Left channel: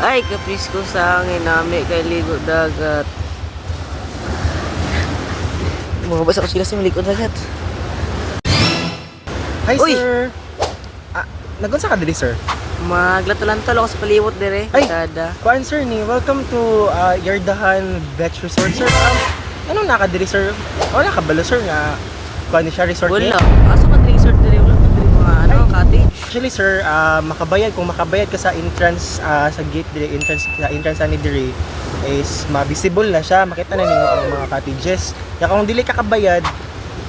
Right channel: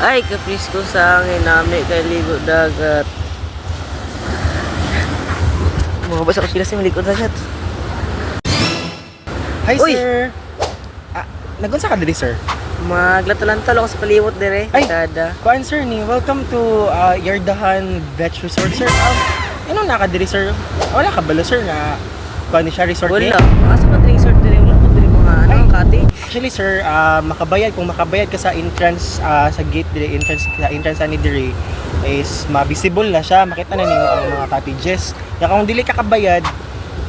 Ay, kapis ko sa hangin nami kay ligo dagat. Mga basa ko sila sa ligo dagat. Hi, Uy! sir. Nagunsa ka diri, sir? Maglatulantol ako sa paliwot dire. Ay! Kada. Kuan, sir, ni. Welcome to Yardahan Beach Resort, sir. Ano naka diri, sir? Wala ka balo, sir, na kuan ni siya resort Wala. niya? Asa man dire resort dire? Wala man dire mga ano, Ay. cottage. Actually, sir, kung makabayad ka sa entrance, sa gate dire, entrance ani dire, is ma-visible na siya, makita na ninyo ang mga cottages. Kaya kung dili ka kabayad,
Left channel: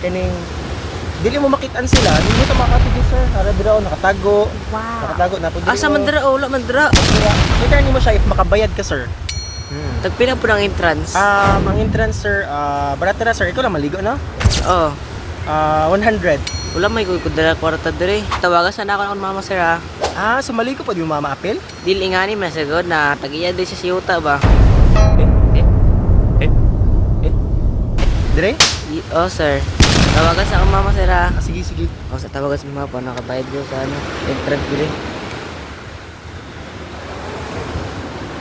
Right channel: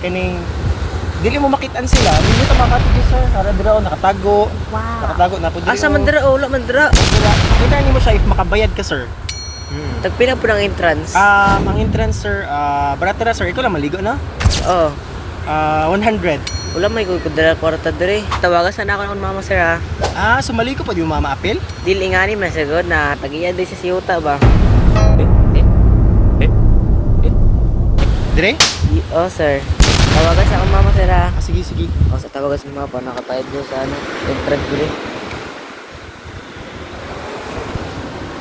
kaning dili mo makitaan sila, hindi ka mga cottages, sir. Para dira nakatago. Wow. Nakatago na po diri. Asa man dire? Wala man dire. Kita nimo siya if makabayad ka, sir. Tagpila po ng entrance. Ang entrance, sir, barato na, sir. Ikaw lang maligo, no? Oh. 100. Wala may kudala kwarta dire. Tawagan sana ako ng mama sir ha. So maligo pa di mo mama apel? Dili nga ni masagod na tagiya di sa siyuta ba. Dire? Oh sir. Tawagan sa akong mama sir ha. Sige, sige. O sa tawagan sa mama pa nakatayad ko ka ano. Entrance dire.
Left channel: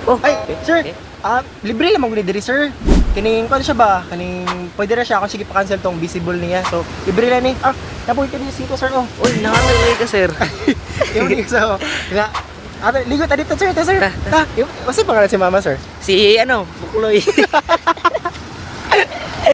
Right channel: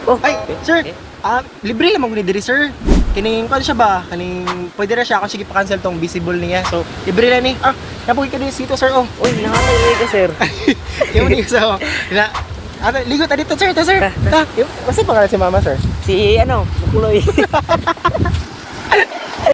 Oh, Ay, sir. Libre lang maguli diri, sir. Kining siya ba? Kaning pwede ra siya ako sige pa-cancel tong visible niya. So, libre lang ni. Napuwi ka din dito, sir. Oh. Uy, nakatay ka sir. Yung ni so. Ligo ta dito, sir. Sir. What's pangalan si mama, sir? Si ano, Mukuloy.